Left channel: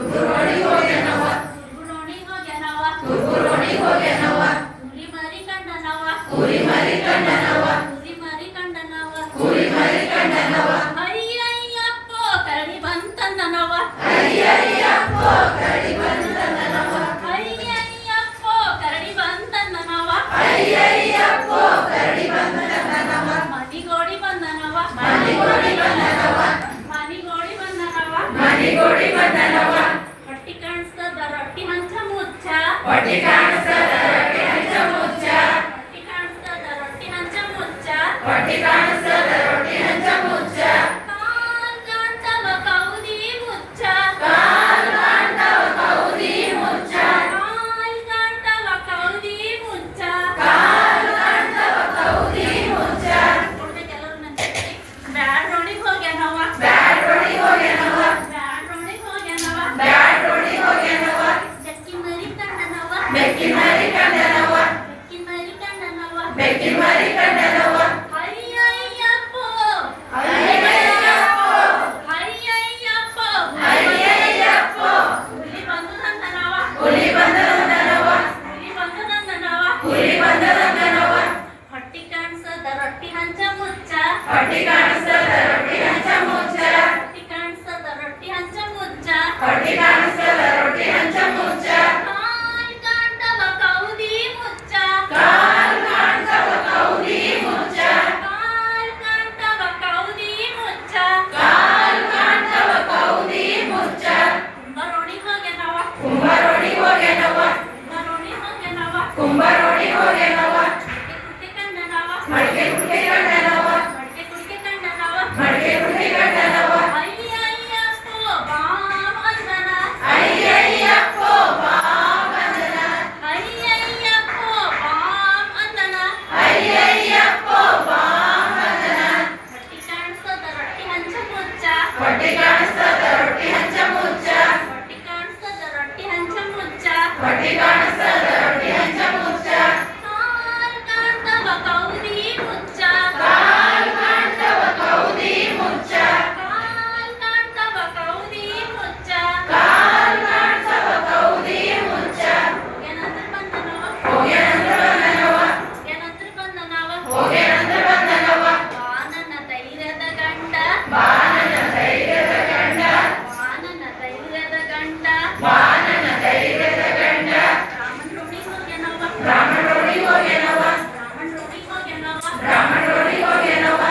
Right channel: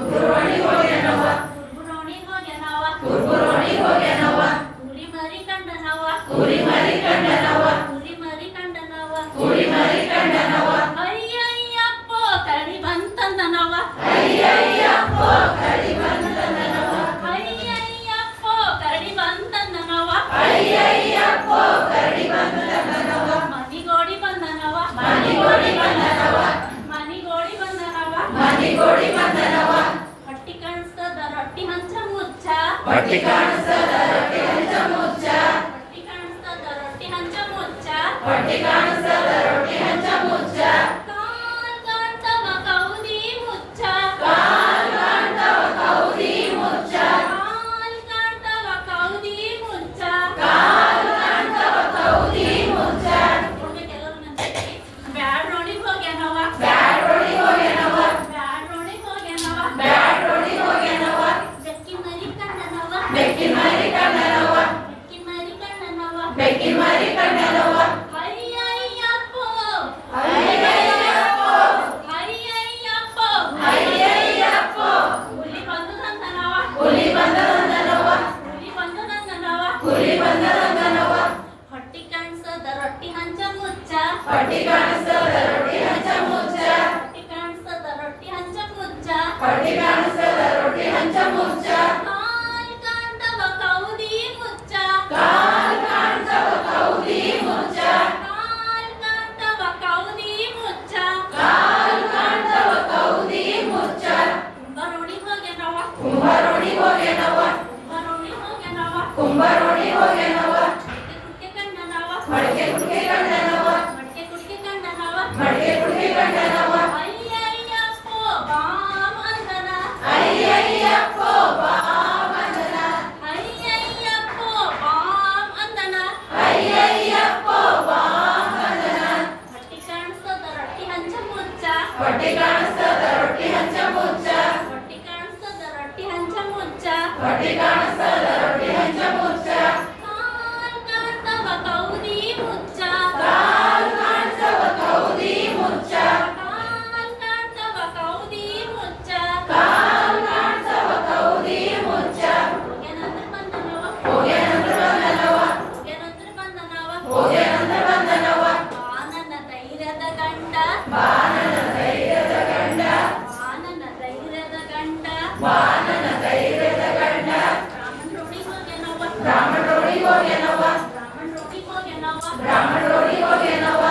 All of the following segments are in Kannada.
ತುರ್ಬುರೋಣಿ ಹೋಗ್ಯಾನವ ತುರ್ಬುರೋಣಿ ಹೋಗ್ಯಾನವ ಕುರಿ ಮರಿ ಕಂಡನವ ಕುರಿ ಮರಿ ಕಂಡನವ ಕುರಿ ಮರಿ ಕಂಡನವ ಕುರಿ ಮರಿ ಕಂಡನವ ಅಯ್ಯಯ್ಯಪ್ಪೋ ಕರಡಿ ಬಂತಂದನವ ಅಯ್ಯಯ್ಯಪ್ಪೋ ಕರಡಿ ಬಂತಂದನವ ಅಯ್ಯಯ್ಯಪ್ಪೋ ಕರಡಿ ಬಂತಂದನವ ಅಯ್ಯಯ್ಯಪ್ಪೋ ಕರಡಿ ಬಂತಂದನವ ಮನಿಗೋಡಿ ಬಂದನವ ಮನಿಗೋಡಿ ಬಂದನವ ಮನಿಗೋಡಿ ಬಂದನವ ಮನಿಗೋಡಿ ಬಂದನವ ಹೊಟ್ಟಿ ಕಾಣಿಸ್ತದ ರೊಟ್ಟಿ ಹಂಚ ಮುಚ್ಚ ಹೊಟ್ಟಿ ಕಾಣಿಸ್ತದ ರೊಟ್ಟಿ ಹಂಚ ಮುಚ್ಚ ಹೊಟ್ಟಿ ಕಾಣಿಸ್ತದ ರೊಟ್ಟಿ ಹಂಚ ಮುಚ್ಚ ಹೊಟ್ಟಿ ಕಾಣಿಸ್ತದ ರೊಟ್ಟಿ ಹಂಚ ಮುಚ್ಚ ಕಾಲ್ ಕಾಣ್ತವ ಕೌದಿ ಮುಚ್ಚ ಕಾಲ್ ಕಾಣ್ತವ ಕೌದಿ ಮುಚ್ಚ ಕಾಲ್ ಕಾಣ್ತವ ಕೌದಿ ಮುಚ್ಚ ಕಾಲ್ ಕಾಣ್ತವ ಕೌದಿ ಮುಚ್ಚ ನೋಡ್ಬೇಕೆಲ್ಲರೂ ನನ್ನ ಜೊತೆ. ಬ್ಯಾಡ್ ರೋಡಿಗ್ ಹೋಗ್ಯಾನವ ಬ್ಯಾಡ್ ರೋಡಿ ಹೋಗ್ಯಾನವ ಬ್ಯಾಡ್ ರೋಡಿಗ್ ಹೋಗ್ಯಾನವ ಬ್ಯಾಡ್ ರೋಡಿ ಹೋಗ್ಯಾನವ ಬೆಕ್ಕಿ ಮರಿ ಕಂಡನವ ಬೆಕ್ಕಿ ಮರಿ ಕಂಡನವ ಬೆಕ್ಕಿ ಮರಿ ಕಂಡನವ ಬೆಕ್ಕಿ ಮರಿ ಕಂಡನವ ಅಯ್ಯಯ್ಯಪ್ಪೋ ಅಯ್ಯಯ್ಯಪ್ಪೋ ಅಯ್ಯಯ್ಯಪ್ಪೋ ಅಯ್ಯಯ್ಯಪ್ಪೋ ಹುಲಿ ಬಂದುದಂದನವ ಹುಲಿ ಬಂದದಂದನವ ಹುಲಿ ಬಂದುದಂದನವ ಹುಲಿ ಬಂದದಂದನವ ಹೊಟ್ಟಿ ಕಾಣಿಸದ ರೊಟ್ಟಿ ಹಂಚ ಮುಚ್ಚ ಹೊಟ್ಟಿ ಕಾಣಿಸ್ತದ ರೊಟ್ಟಿ ಹಂಚ ಮುಚ್ಚ ಹೊಟ್ಟಿ ಕಾಣಿಸದ ರೊಟ್ಟಿ ಹಂಚ ಮುಚ್ಚ ಹೊಟ್ಟಿ ಕಾಣಿಸ್ತದ ರೊಟ್ಟಿ ಹಂಚ ಮುಚ್ಚ ಕಾಲ್ ಕಾಣ್ತವ ಕೌದಿ ಮುಚ್ಚ ಕಾಲ್ ಕಾಣ್ತವ ಕೌದಿ ಮುಚ್ಚ ಕಾಲ್ ಕಾಣ್ತವ ಕೌದಿ ಮುಚ್ಚ ಕಾಲ್ ಕಾಣ್ತವ ಕೌದಿ ಮುಚ್ಚ ಕುಂಬರೋಡಿ ಹೋಗ್ಯಾನವ ಕುಂಬರೋಡಿ ಹೋಗ್ಯಾನವ ಕುಂಬರೋಡಿ ಹೋಗ್ಯಾನವ ಕುಂಬರೋಡಿ ಹೋಗ್ಯಾನವ ಕುಟ್ಟಿ ಕಂಡನವ ಮಡಿಕೆ ಕುಟ್ಟಿ ಕಂಡನವ ಮಡಿಕೆ ಕುಟ್ಟಿ ಕಂಡನವ ಮಡಿಕೆ ಕುಟ್ಟಿ ಕಂಡನವ ಅಯ್ಯಯ್ಯಪ್ಪೋ ಬಾಮ್ ಅಂದನ ಅಯ್ಯಯ್ಯಪ್ಪೋ ಬಾಮಂದನ ಅಯ್ಯಯ್ಯಪ್ಪೋ ಬಾಮ್ ಅಂದನ ಅಯ್ಯಯ್ಯಪ್ಪೋ ಬಾಮಂದನ ಹೊಟ್ಟಿ ಕಾಣಿಸ್ತದ ರೊಟ್ಟಿ ಹಂಚ ಮುಚ್ಚ ಹೊಟ್ಟಿ ಕಾಣಿಸ್ತದ ರೊಟ್ಟಿ ಹಂಚ ಮುಚ್ಚ ಹೊಟ್ಟಿ ಕಾಣಿಸ್ತದ ರೊಟ್ಟಿ ಹಂಚ ಮುಚ್ಚ ಹೊಟ್ಟಿ ಕಾಣಿಸ್ತದ ರೊಟ್ಟಿ ಹಂಚ ಮುಚ್ಚ ಕಾಲ್ ಕಾಣ್ತವ ಕೌದಿ ಮುಚ್ಚ ಕಾಲ್ ಕಾಣ್ತವ ಕೌದಿ ಮುಚ್ಚ ಕಾಲ್ ಕಾಣ್ತವ ಕೌದಿ ಮುಚ್ಚ ಕಾಲ್ ಕಾಣ್ತವ ಕೌದಿ ಮುಚ್ಚ ಹೋಗ್ಯಾನಂದ್ರ ಬಂದನವ ಹೋಗ್ಯಾನಂದ್ರ ಬಂದನವ ಹೋಗ್ಯಾನಂದ್ರ ಬಂದನವ ಹೋಗ್ಯಾನಂದ್ರ ಬಂದನವ ಬಾ ನನ್ನ ಧೈರ್ಯದ ಗಂಡ ಬಾನನ ಧೈರ್ಯದ ಗಂಡ ಬಾ ನನ್ನ ಧೈರ್ಯದ ಗಂಡ ಬಾನನ ಧೈರ್ಯದ ಗಂಡ ರಾಮನ್ ರೋಡಿ ಹೋಗ್ಯಾನವ ಬ್ರಾಹ್ಮಣ ರೋಡಿ ಹೋಗ್ಯಾನವ ರಾಮನ್ ರೋಡಿ ಹೋಗ್ಯಾನವ ಬ್ರಾಹ್ಮಣ ರೋಡಿ ಹೋಗ್ಯಾನವ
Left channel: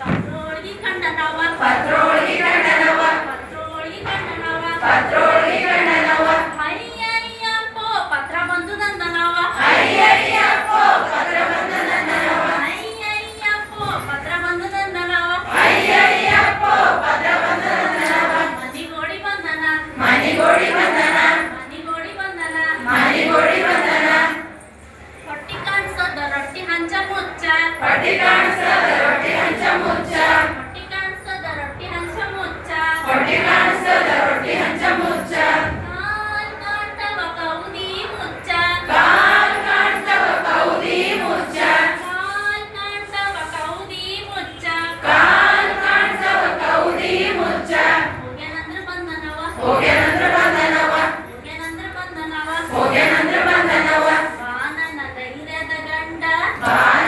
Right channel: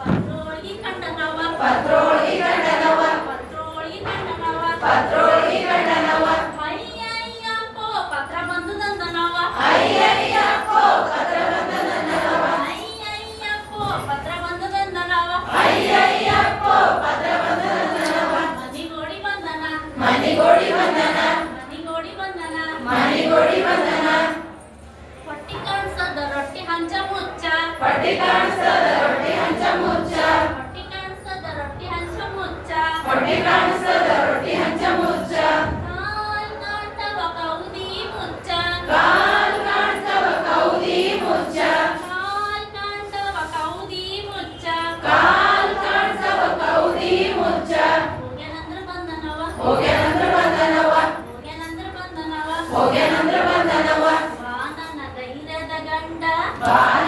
ಪತ್ರೋಳಿ ಕಂಡನವ ಪತ್ರೋಳಿ ಕಂಡನವ ಪತ್ರೋಳಿ ಕಂಡನವ ಪತ್ರೋಳಿ ಕಂಡನವ ಅಯ್ಯಯ್ಯಪ್ಪೋ ಪತ್ರ ಬಂದುದಂದನವ ಅಯ್ಯಯ್ಯಪ್ಪೋ ಪತ್ರ ಬಂದನವ ಅಯ್ಯಯ್ಯಪ್ಪೋ ಪತ್ರ ಬಂದುದಂದನವ ಅಯ್ಯಯ್ಯಪ್ಪೋ ಪತ್ರ ಬಂದನವ ಮನಿಗೋಡಿ ಬಂದನ ಮನಿಗೋಡಿ ಬಂದನ ಮನಿಗೋಡಿ ಬಂದನ ಮನಿಗೋಡಿ ಬಂದನ ಹೊಟ್ಟಿ ಕಾಣಿಸದ ರೊಟ್ಟಿ ಹಂಚ ಮುಚ್ಚ ಹೊಟ್ಟಿ ಕಾಣಿಸ್ತದ ರೊಟ್ಟಿ ಹಂಚ ಮುಚ್ಚ ಹೊಟ್ಟಿ ಕಾಣಿಸದ ರೊಟ್ಟಿ ಹಂಚ ಮುಚ್ಚ ಹೊಟ್ಟಿ ಕಾಣಿಸ್ತದ ರೊಟ್ಟಿ ಹಂಚ ಮುಚ್ಚ ಕಾಲ್ ಕಾಣ್ತವ ಕೌದಿ ಮುಚ್ಚ ಕಾಲ್ ಕಾಣ್ತವ ಕೌದಿ ಮುಚ್ಚ ಕಾಲ್ ಕಾಣ್ತವ ಕೌದಿ ಮುಚ್ಚ ಕಾಲ್ ಕಾಣ್ತವ ಕೌದಿ ಮುಚ್ಚ ಹೋಗ್ಯಾನಂದ್ರ ಬಂದನವ ಹೋಗ್ಯಾನಂದ್ರ ಬಂದನವ ಹೋಗ್ಯಾನಂದ್ರ ಬಂದನವ ಹೋಗ್ಯಾನಂದ್ರ ಬಂದನವ ಬಾ ನನ್ನ ಧೈರ್ಯದ ಗಂಡ ಬಾನ